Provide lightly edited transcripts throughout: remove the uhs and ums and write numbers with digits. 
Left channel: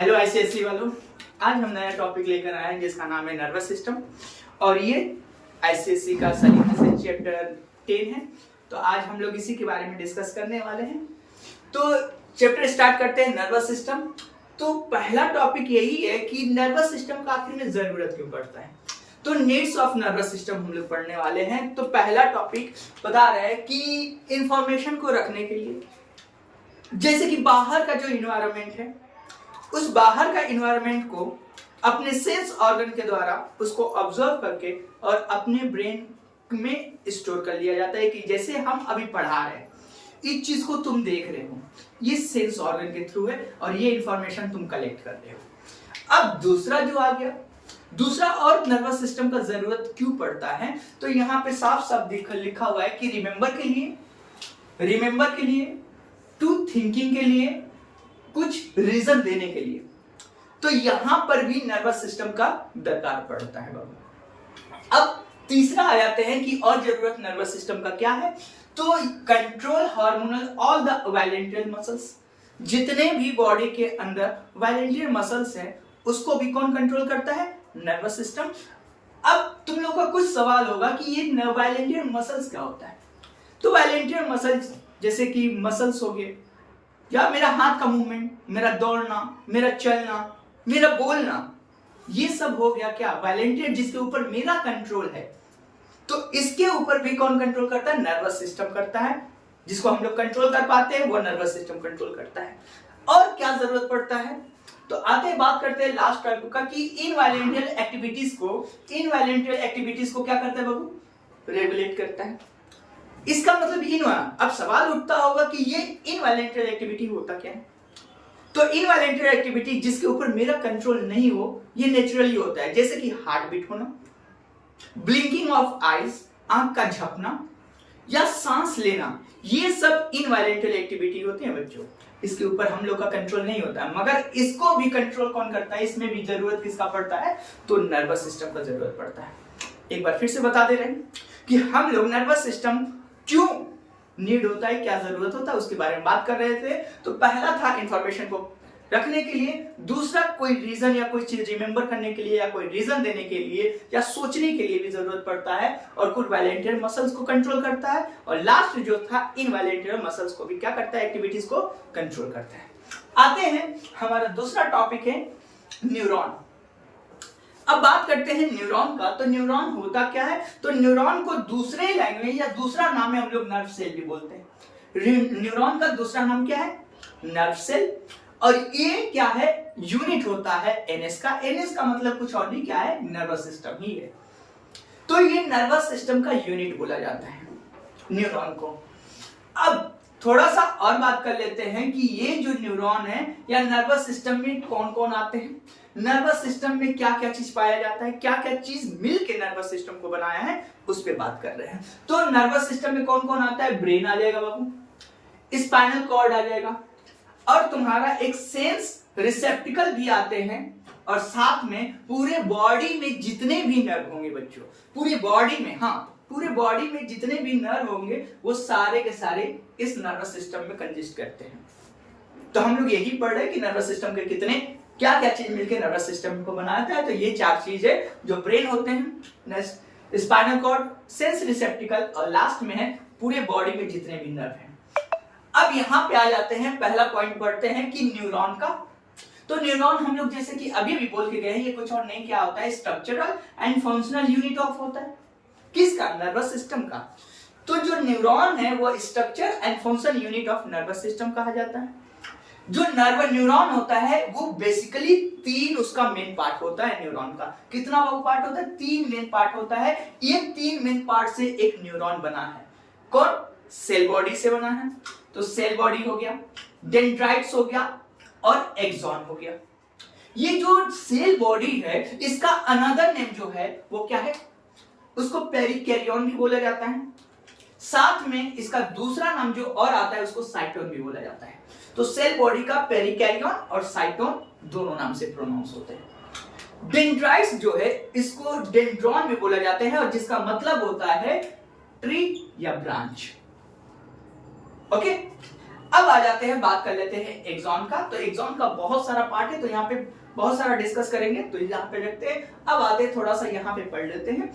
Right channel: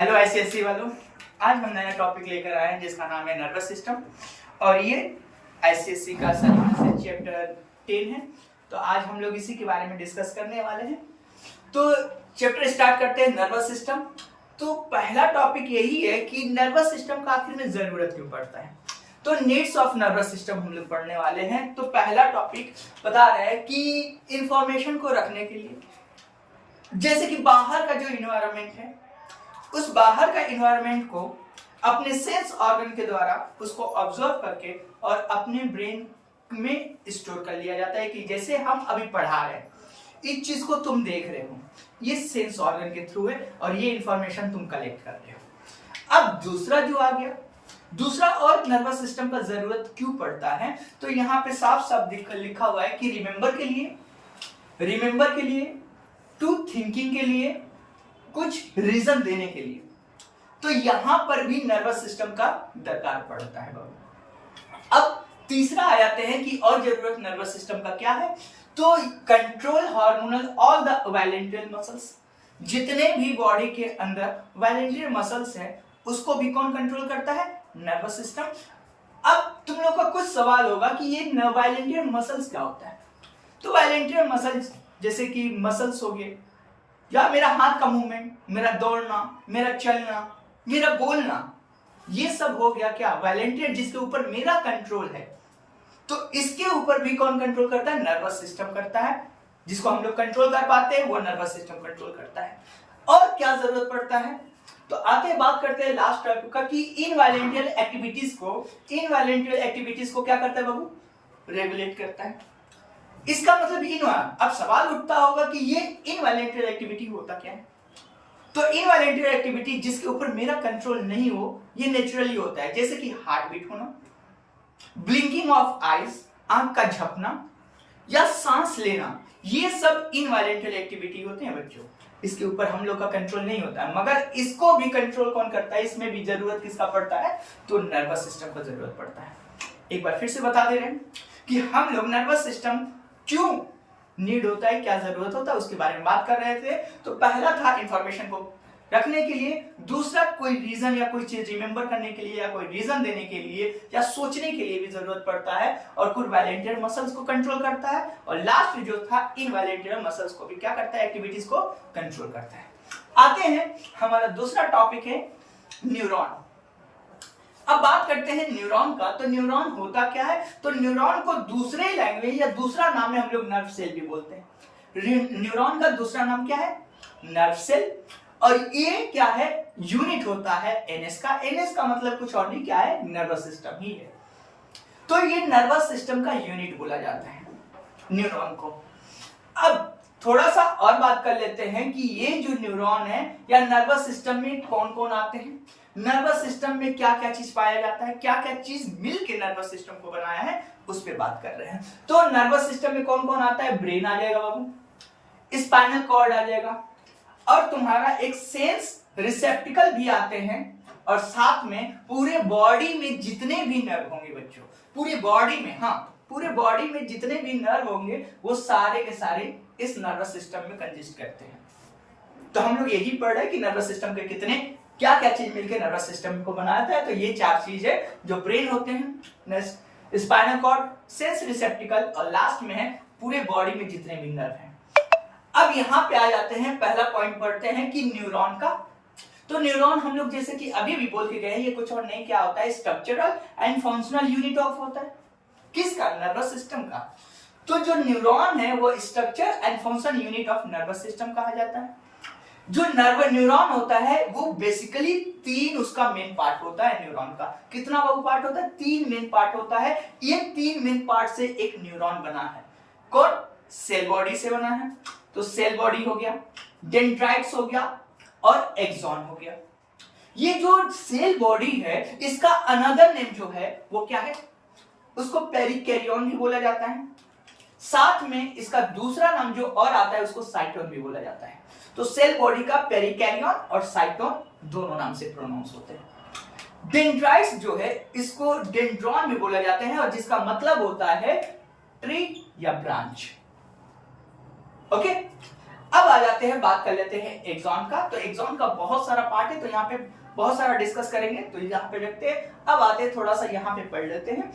Hello ICSC वालों, आज हम नया टॉपिक लेकर आए हैं जिसका नाम है नर्वस सिस्टम। और ये आईसीएससी का साइकोलॉजी चैप्टर 10 है। तो आज हम लोग इसी के बारे में डिस्कस करने वाले हैं। तो चैप्टर स्टार्ट करते हैं, नर्वस सिस्टम। तो पहला टॉपिक यही है कि नर्वस सिस्टम का आखिर में जरूरत क्यों पड़ता है। तो नीड्स ऑफ नर्वस सिस्टम हम लोग पढ़ने वाले हैं। तो पहला टॉपिक बता रहा है कि इंफॉर्मेशन को रखने के लिए, जैसे कि बाहर का जो इन्वायरमेंट है, उस बाहर का इन्वायरमेंट को अपने सेंस ऑर्गन के द्वारा उसको ऑब्जर्व करके और अपने ब्रेन में स्टोर कर लिया जाता है। कि जैसे हम अभी पढ़ा रहे हैं, इस चीज को तुम देख रहे हो, ये सेंस ऑर्गन के थ्रू है और ये इंफॉर्मेशन तुम कलेक्ट कर रहे हो। अब दूसरा जो आ गया, दूसरा और नर्वस सिस्टम का जरूरत क्यों पड़ता है, तो यहाँ पे साफ साफ लिखा हुआ है कि रिमेंबर के लिए, टू थिंकिंग के लिए, कुछ रीजन देने के लिए। तो यहां पर भी नर्वस सिस्टम का दरकार पड़ता है बाबू। अब तीसरा आ जाते हैं कि और जरूरत नर्वस सिस्टम का क्या है। तो control hormonal all the voluntary muscles, जितने भी बॉडी के अंदर वॉलंटरी मसल्स हैं उसको भी कौन कंट्रोल करता है, नर्वस सिस्टम। अब तुम लोग का कुछ सवाल होगा कि ये वॉलंटरी मसल्स क्या होता है। तो वॉलंटरी मसल्स जैसे कि मसल्स हो गए, या मेरा हाथ का मूवमेंट, मेरा दौड़ना, मेरा चलना, मेरा बोलना, ये सब हो गया क्या, वॉलंटियर, जिसके ऊपर मेरा कंट्रोल है। तो इसके ऊपर भी कौन कंट्रोल करता है, नर्वस सिस्टम करता है। जिसको हम लोग कंट्रोल कर पाते हैं वो नर्वस सिस्टम कंट्रोल करता है। और क्या जरूरत पड़ता है, तो आगे बात करते हैं लास्ट टॉपिक का कि इनवॉलंटियर एक्टिविटीज को क्या करता है बाबू, रेगुलेट करता है। इसका मतलब अब सवाल उठता होगा कि ये इनवॉलंटरी एक्टिविटी होता क्या है। तो इनवॉलंटरी एक्टिविटी जिसके ऊपर मेरा कंट्रोल नहीं हो, ये नेचुरली होता है। जैसे कि हार्ट बीट होना, ब्लिंकिंग ऑफ आईज, आंख का झपना, या सांस लेना, ये सब इनवॉलंटरी एक्टिविटी होते हैं बच्चों। इसके ऊपर हम लोग का कंट्रोल नहीं होता है, मगर इसको भी कंट्रोल कौन करता है, इसमें भी जरूरत किसका पड़ता है, तो नर्वस सिस्टम का जरूरत पड़ता है। एक बार फिर से बता दे रहे हैं कि हम लोग नर्वस सिस्टम क्यों नीड होता है, क्या जरूरत होता है, उसके बारे में बात कर रहे थे। तो पहला था इंफॉर्मेशन को रखने के लिए, दूसरा कोई रीजन या कोई चीज रिमेंबर करने के लिए, या कोई रीजन देने के लिए, या सोचने के लिए भी जरूरत पड़ता है, और कुछ वॉलंटियर मसल्स को कंट्रोल करता है, और लास्ट जो था इनवॉलंटियर मसल्स को भी क्या करता है, एक्टिविटीज को कंट्रोल करता है। आते हैं, हमारा दूसरा टॉपिक है न्यूरॉन। अब बात करते हैं न्यूरॉन का। तो न्यूरॉन होता क्या है, तो न्यूरॉन को दूसरे लैंग्वेज या दूसरा नाम में हम लोग नर्व सेल भी बोलते हैं। न्यूरॉन का दूसरा नाम क्या है, नर्व सेल। और ये क्या है, यूनिट होता है एनएस का। एनएस का मतलब कुछ और नहीं, क्या है, नर्वस सिस्टम ही है। तो ये नर्वस सिस्टम का यूनिट बोला जाता है न्यूरॉन को। अब थोड़ा सा और बात कर लेते हैं कि ये जो न्यूरॉन है या नर्वस सिस्टम में कौन कौन आते हैं, नर्वस सिस्टम में क्या क्या चीज पाया जाता है, क्या क्या चीज मिलके नर्वस सिस्टम को बनाया है, उस पर बात कर रहे हैं। तो नर्वस सिस्टम में कौन कौन आता है, ब्रेन आ जाएगा बाबू, स्पाइनल कॉर्ड आ जाएगा, और तुम्हारा एक सेंस रिसेप्टिकल भी आते हैं, और साथ में पूरे बॉडी में जितने भी नर्व होंगे बच्चों, पूरी बॉडी में, हाँ पूरे बॉडी में जितने भी नर्व होंगे वो सारे के सारे इस नर्वस सिस्टम में कंसिस्ट करते हैं। तो हम लोग यही पढ़ रहे हैं कि नर्वस सिस्टम के कितने क्या क्या चीज मिलकर नर्वस सिस्टम को बनाता है। तो ये चार चीज है, जो ब्रेन होते हैं, स्पाइनल कॉर्ड, सेंस रिसेप्टिकल, और लास्ट में है पूरे बॉडी में जितने भी नर्व हैं। अब यहाँ पे आ जाते हैं, पहला पॉइंट पढ़ते हैं कि न्यूरॉन का। तो न्यूरॉन हम लोग जैसे कि अभी भी बोल के गए हैं, ये कुछ और नहीं क्या होता है, structural and functional unit of होता है, किसका, नर्वस सिस्टम का। तो जो न्यूरॉन है वो structure and function unit of nervous system कहा जाता है। जो न्यूरॉन होता है वो बेसिकली तीन उसका मेन पार्ट होता है न्यूरॉन का। कितना वो पार्ट होता है, तीन मेन पार्ट होता है। ये तीन मेन पार्ट से एक न्यूरॉन बना है। कौन, सेल बॉडी से बना है। तो सेल बॉडी हो गया, डेंड्राइट्स हो गया, और एक्सॉन हो गया। ये जो सेल बॉडी है इसका अनदर नेम जो है वो क्या है, उसको पेरिकैरियन भी बोला जाता है। साथ में इसका दूसरा नाम जो और आता है उसको साइटोन भी बोला जाता है। तो सेल बॉडी का पेरिकैरियन और साइटोन दोनों नाम से प्रोनाउंस होते हैं। डेंड्राइट्स जो है इसको डेंड्रॉन भी बोला जाते हैं, और जिसका मतलब होता है ट्री या ब्रांच। ओके, अब आ जाते हैं, बात कर लेते हैं एक्सॉन का। तो एक्सॉन का बहुत सारा पार्ट है, तो यहाँ पे बहुत सारा डिस्कस करेंगे, तो यहाँ पे रखते हैं। अब आते हैं थोड़ा सा यहाँ पे पढ़ लेते हैं।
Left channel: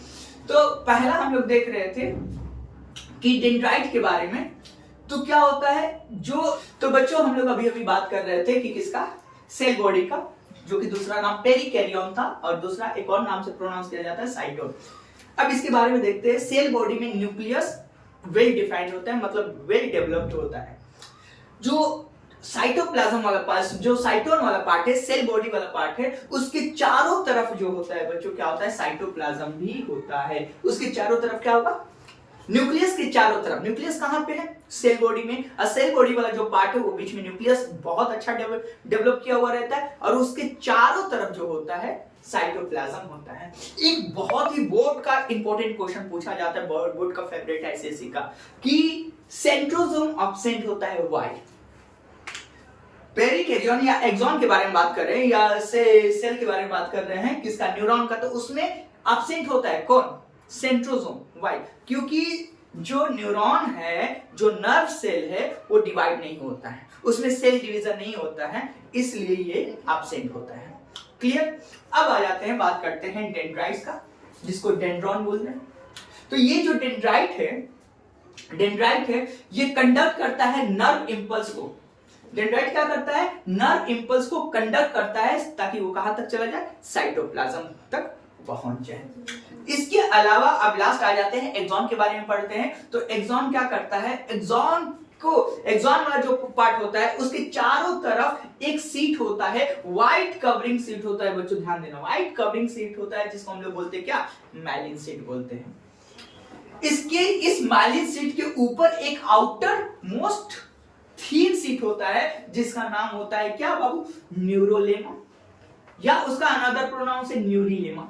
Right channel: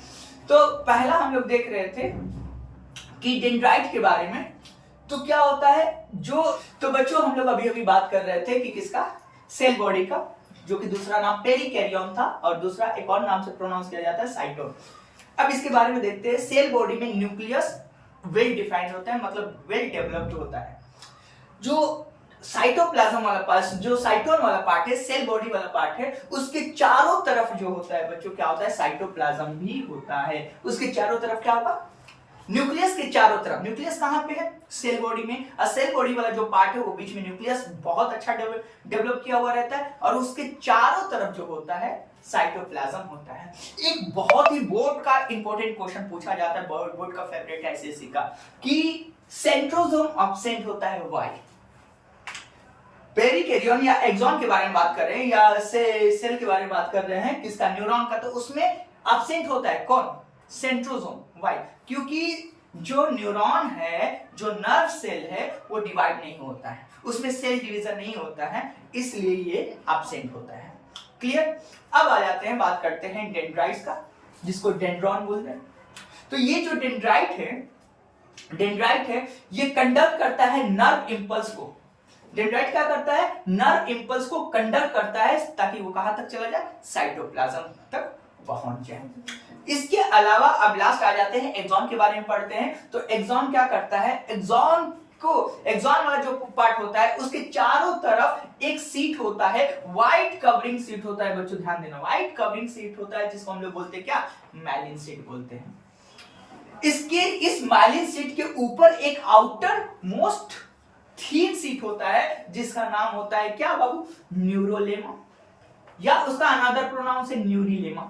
तो पहला हम लोग देख रहे थे कि डेंड्राइट के बारे में। तो क्या होता है तो बच्चों हम लोग अभी अभी बात कर रहे थे कि किसका, सेल बॉडी का, जो कि दूसरा नाम पेरिकैरियोन था और दूसरा एक और नाम से प्रोनाउंस किया जाता है साइटोन। अब इसके बारे में देखते हैं। सेल बॉडी में न्यूक्लियस वेल डिफाइंड होता है, मतलब वेल डेवलप्ड होता है। जो साइटोप्लाज्म वाला पार्ट, जो साइटोन वाला पार्ट है, सेल बॉडी वाला पार्ट है, उसके चारों तरफ जो होता है बच्चों, क्या होता है, साइटोप्लाज्म भी होता है। उसके चारों तरफ क्या होगा, न्यूक्लियस के चारों तरफ। न्यूक्लियस कहां पे है, सेल बॉडी में। और सेल बॉडी वाला जो पार्ट है वो बीच में न्यूक्लियस बहुत अच्छा डेवलप किया हुआ रहता है, और उसके चारों तरफ जो होता है साइटोप्लाज्म होता है। एक बहुत ही बोर्ड का इंपॉर्टेंट क्वेश्चन पूछा जाता है, बोर्ड का फेवरेट है एसएससी का, कि सेंट्रोसोम एब्सेंट होता है, व्हाई? पेरिकैरियोन या एक्सॉन के बारे में बात कर रहे हैं, या सेल के बारे में बात कर रहे हैं, किसका, न्यूरॉन का। तो उसमें एब्सेंट होता है कौन, सेंट्रोसोम। व्हाई? क्योंकि जो न्यूरॉन है, जो नर्व सेल है, वो डिवाइड नहीं होता है, उसमें सेल डिवीजन नहीं होता है, इसलिए ये एब्सेंट होता है। क्लियर? अब आ जाते हैं, बात करते हैं डेंड्राइट्स का, जिसको डेंड्रॉन बोल रहे हैं। तो ये जो डेंड्राइट है, ये कंडक्ट करता है नर्व इंपल्स को। डेंड्राइट क्या करता है, नर्व इंपल्स को कंडक्ट करता है, ताकि वो कहां तक चला जाए, साइटोप्लाज्म तक पहुंच जाए। इसके अलावा अब लास्ट आ जाते हैं, एक्सॉन के बारे में पढ़ते हैं। तो एक्सॉन क्या करता है, एक्सॉन वाला जो पार्ट होता है, उसके चारों तरफ एक सीट होता है, व्हाइट कवरिंग सीट होता है बच्चों, ध्यान देना, व्हाइट कवरिंग सीट होता है, जिसको हम लोग बोलते हैं क्या, माइलिन सीट बोलते हैं। इस माइलिन सीट के ऊपर एक आउटर मोस्ट थीन सीट होता है, जिसका नाम होता है क्या बाबू, न्यूरोलेमा, या उसका अनदर प्रोनाउन से न्यूरीलेमा।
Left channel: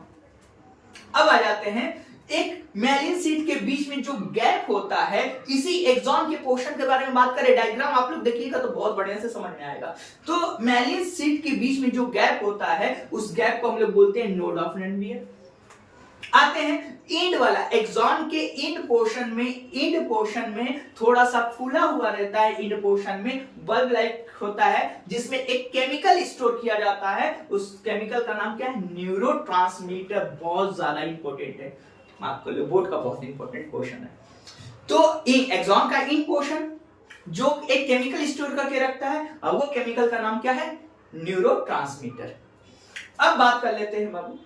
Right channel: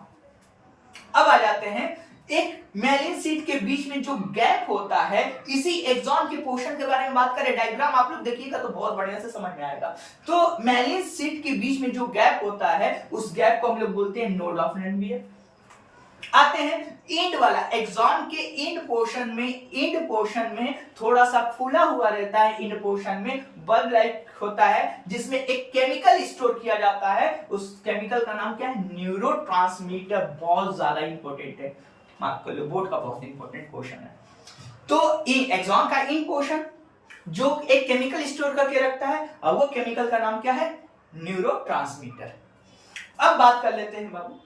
अब आ जाते हैं, एक मैलिन सीट के बीच में जो गैप होता है, इसी एक्सॉन के पोर्शन के बारे में बात करें। डायग्राम आप लोग देखिएगा तो बहुत बढ़िया से समझ में आएगा। तो मैलिन सीट के बीच में जो गैप होता है, उस गैप को हम लोग बोलते हैं नोड ऑफ रनवियर। आते हैं इंड वाला, एक्सॉन के इंड पोर्शन में थोड़ा सा फूला हुआ रहता है, इंड पोर्शन में बल्ब लाइक होता है, जिसमें एक केमिकल स्टोर किया जाता है। उस केमिकल का नाम क्या है, न्यूरोट्रांसमीटर। बहुत ज्यादा इंपॉर्टेंट है, मार्क कर लो, बोर्ड का बहुत इंपॉर्टेंट क्वेश्चन है। तो एक्सॉन का इंड पोर्शन जो एक केमिकल स्टोर करके रखता है, और वो केमिकल का नाम क्या है, न्यूरोट्रांसमीटर। अब बात कर लेते हैं बाबू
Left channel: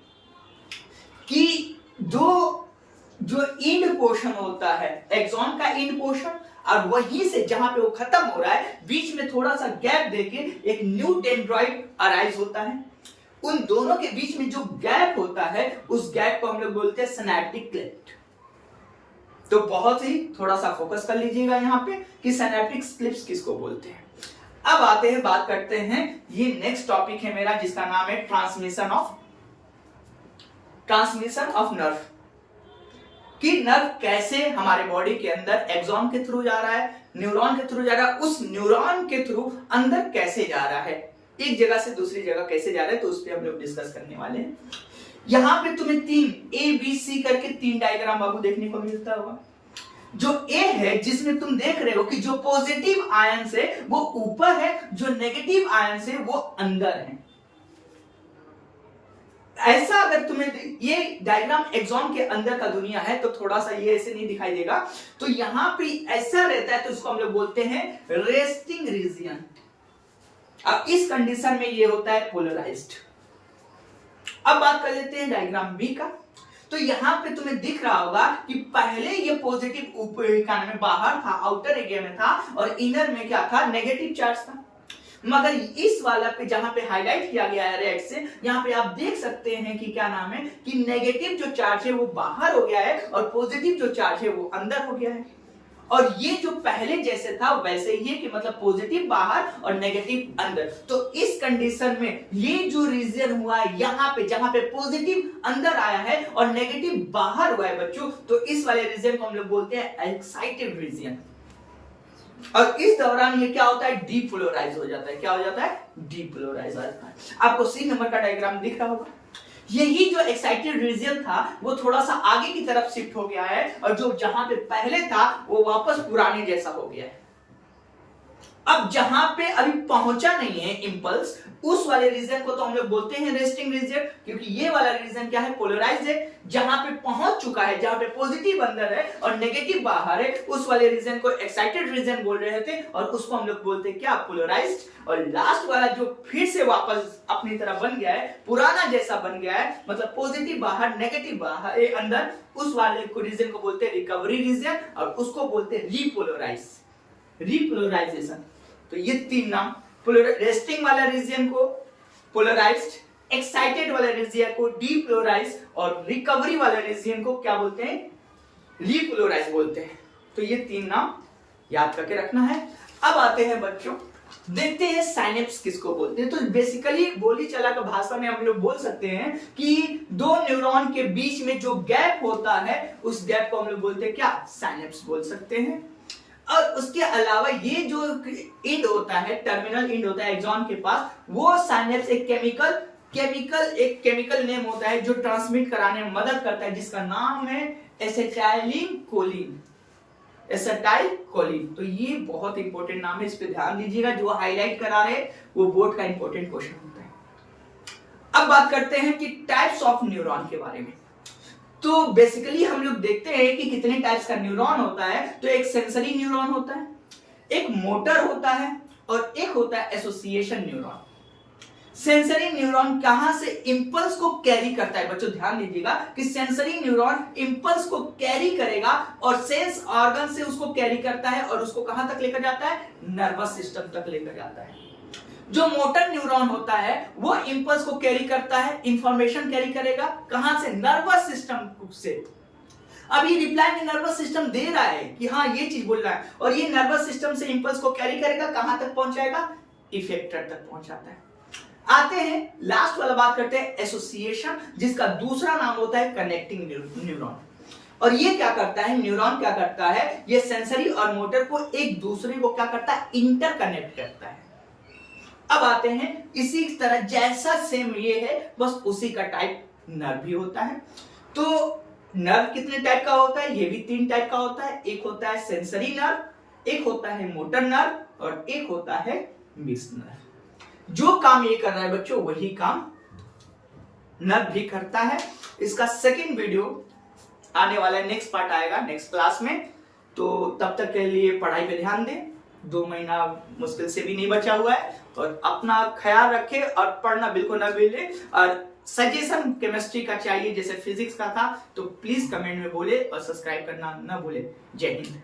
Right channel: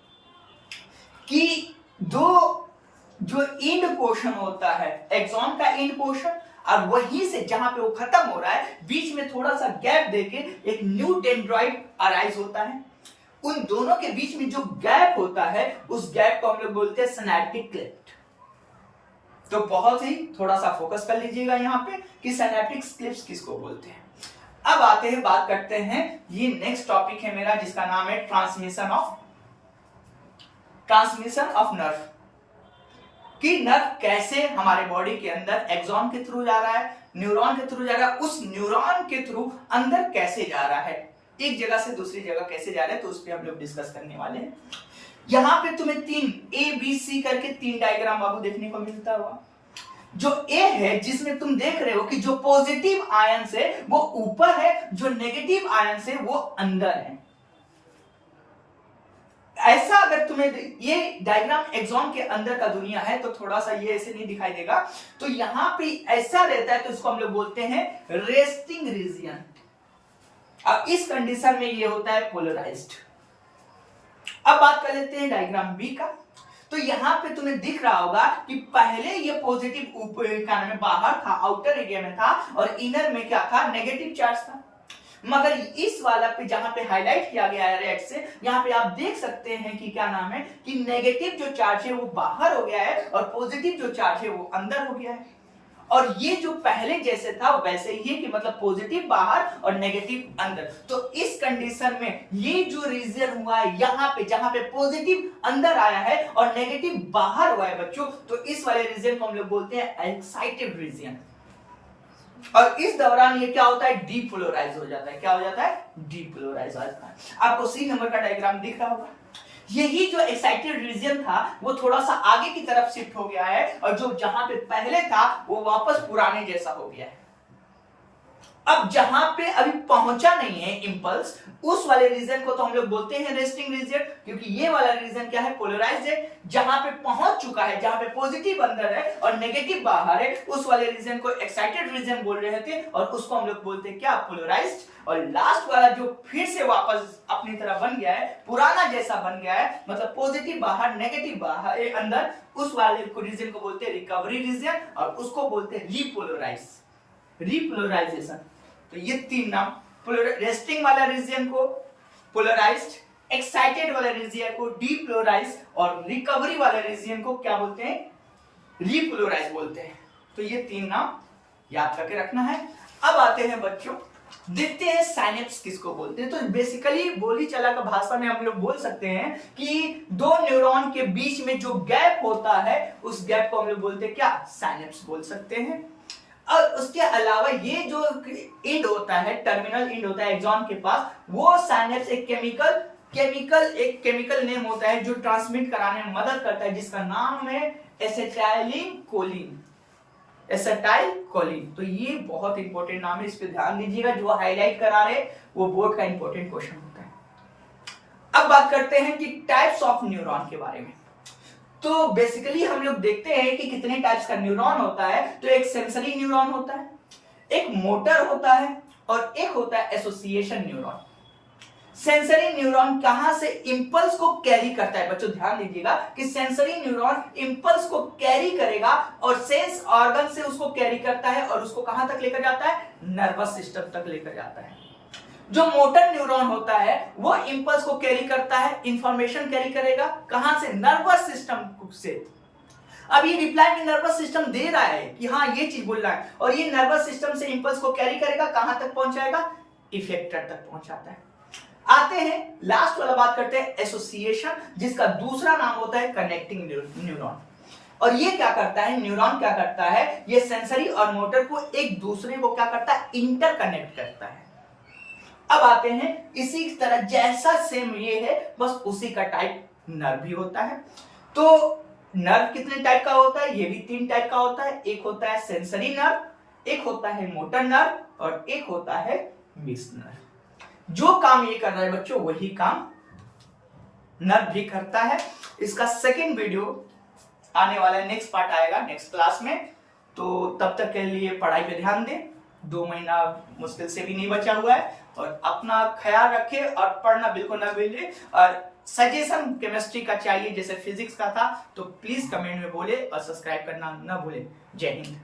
कि जो इंड पोर्शन होता है, एक्सॉन का इंड पोर्शन, और वहीं से जहां पे वो खत्म हो रहा है, बीच में थोड़ा सा गैप देके एक न्यू डेंड्राइट अराइज होता है। उन दोनों के बीच में जो गैप होता है, उस गैप को हम लोग बोलते हैं सिनैप्टिक क्लिफ्ट। तो बहुत ही थोड़ा सा फोकस कर लीजिएगा यहाँ पे कि सिनैप्टिक क्लिफ्ट किसको बोलते हैं। अब आते हैं, बात करते हैं, ये नेक्स्ट टॉपिक है मेरा, जिसका नाम है ट्रांसमिशन ऑफ नर्व। कि नर्व कैसे हमारे बॉडी के अंदर एक्सॉन के थ्रू जा रहा है, न्यूरॉन के थ्रू जा रहा है, उस न्यूरॉन के थ्रू अंदर कैसे जा रहा है, एक जगह से दूसरी जगह कैसे जा रहा है, तो उस पर हम लोग डिस्कस करने वाले हैं। यहां पे तुम्हें 3 ABC करके 3 डायग्राम बाबू देखने को मिलता होगा। जो ए है, जिसमें तुम देख रहे हो कि जो पॉजिटिव आयन है वो ऊपर है, जो नेगेटिव आयन है वो अंदर है। ऐसा अगर तुम्हें ये डायग्राम एक्सॉन के अंदर का दुनिया है, तो थोड़ा सा ये ऐसे नहीं दिखाई देगा, तो यहां पे ऐसा रहता है, तो इसको हम लोग बोलते हैं रेस्टिंग रीजन। अब इस कंडीशन में ये होता है पोलराइज्ड। अब बात कर लेते हैं डायग्राम बी का। तो यहां पे तुम्हें दिख रहा होगा कि पहले ये पॉजिटिव ऊपर का नाम बाहर था, आउटर एरिया में था, और इनर में क्या था, नेगेटिव चार्ज था। मगर इस वाला पे जहां पे हाईलाइट किया गया है रेड से, यहां पे आप देख सकते हैं कि क्या नाम है, कि नेगेटिव जो चार्ज है वो बाहर हो गया है, और पॉजिटिव जो चार्ज है वो अंदर हो गया है। और ये जो पहले जैसे था वैसे ही है, कि मतलब पॉजिटिव बाहर और नेगेटिव अंदर। तो इस कंडीशन में ये जो रीजन हुआ है यहां पे, जहां पे पॉजिटिव अंदर आया है और नेगेटिव बाहर हुआ है बच्चों, तो इस वाले रीजन को हम लोग बोलते हैं एक्साइटेड रीजन। और इस दौरान ये क्या होता है, डीपोलराइज हो जाता है। क्या हो जाता है, डीपोलराइज हो जाता है। आपको सी नंबर का डायग्राम दिख रहा होगा। यही जो एक्साइटेड रीजन था वो थोड़ा सा आगे की तरफ शिफ्ट हो गया है, और जो जहां पे पहले था वो वापस पुराने जैसा हो गया है। अब जहां पे अभी पहुंचा नहीं है इंपल्स, उस वाले रीजन को तो हम लोग बोलते हैं रेस्टिंग रीजन, क्योंकि ये वाला रीजन क्या है, पोलराइज्ड है। जहां पे पहुंच चुका है, जहां पे पॉजिटिव अंदर है और नेगेटिव बाहर है, उस वाले रीजन को एक्साइटेड रीजन बोल रहे थे, और उसको हम लोग बोलते हैं क्या, पोलराइज्ड। और लास्ट वाला जो फिर से वापस अपनी तरह बन गया है, पुराना जैसा बन गया है, मतलब पॉजिटिव बाहर नेगेटिव बाहर अंदर, उस वाले रीजन को बोलते हैं रिकवरी रीजन, और उसको बोलते हैं रिपोलराइजेशन। तो ये तीन नाम, रेस्टिंग वाला रीजन को पोलराइज्ड, एक्साइटेड वाला रीजन को डीपोलराइज्ड, और रिकवरी वाला रीजन को क्या बोलते हैं, रिपोलराइज्ड बोलते हैं। तो ये तीन नाम याद करके रखना है। अब आते हैं बच्चों, देखते हैं साइनेप्स किसको बोलते हैं। तो बेसिकली बोली चला का भाषा में हम लोग बोल सकते हैं कि दो न्यूरॉन के बीच में जो गैप होता है, उस गैप को हम लोग बोलते हैं क्या, साइनेप्स बोल सकते हैं। और उसके अलावा ये जो इंड होता है, टर्मिनल इंड होता है एक्सॉन के पास, वो साइनेप्स एक केमिकल नेम होता है जो ट्रांसमिट कराने में मदद करता है, जिसका नाम है एसिटाइलकोलिन। तो ये बहुत इंपॉर्टेंट नाम है, इस पे ध्यान दीजिएगा, जो हाईलाइट करा रहे वो बोर्ड का इंपॉर्टेंट क्वेश्चन होता है। अब बात करते हैं कि टाइप्स ऑफ न्यूरॉन के बारे में। तो बेसिकली हम लोग देखते हैं कि कितने टाइप्स का न्यूरॉन होता है। तो एक सेंसरी न्यूरॉन होता है, एक मोटर होता है, और एक होता है एसोसिएशन न्यूरॉन। सेंसरी न्यूरॉन कहां से इंपल्स को कैरी करता है, बच्चों ध्यान दीजिएगा कि सेंसरी न्यूरॉन इंपल्स को कैरी करेगा और सेंस ऑर्गन से उसको कैरी करता है, और उसको कहां तक लेकर जाता है, नर्वस सिस्टम तक लेकर जाता है। जो मोटर न्यूरॉन होता है वो इंपल्स को कैरी करता है, इंफॉर्मेशन कैरी करेगा, कहां से, नर्वस सिस्टम से। अब ये रिप्लाई में नर्वस सिस्टम दे रहा है कि हाँ ये चीज बोल रहा है, और ये नर्वस सिस्टम से इंपल्स को कैरी करेगा, कहां तक पहुंचाएगा, इफेक्टर तक पहुंचाता है। आते हैं लास्ट वाला, बात करते हैं एसोसिएशन, जिसका दूसरा नाम होता है कनेक्टिंग न्यूरॉन। और ये क्या करता है, न्यूरॉन क्या करता है, ये सेंसरी और मोटर को एक दूसरे को क्या करता है, इंटरकनेक्ट करता है। अब आते हैं इसी तरह जैसा सेम ये है, बस उसी का टाइप नर्व भी होता है। तो नर्व कितने टाइप का होता है, ये भी 3 टाइप का होता है। एक होता है सेंसरी नर्व, एक होता है मोटर नर्व, और एक होता है मिक्स्ड नर्व। जो काम ये कर रहा है बच्चों, वही काम नर्व भी करता है। इसका सेकंड वीडियो आने वाला है, नेक्स्ट पार्ट आएगा नेक्स्ट क्लास में। तो तब तक के लिए पढ़ाई पे ध्यान दें, 2 महीना मुश्किल से भी नहीं बचा हुआ है, और अपना ख्याल रखें और पढ़ना बिल्कुल ना भूलें। और सजेशन केमिस्ट्री का चाहिए जैसे फिजिक्स का था, तो प्लीज कमेंट में बोले, और सब्सक्राइब करना ना भूले। जय हिंद।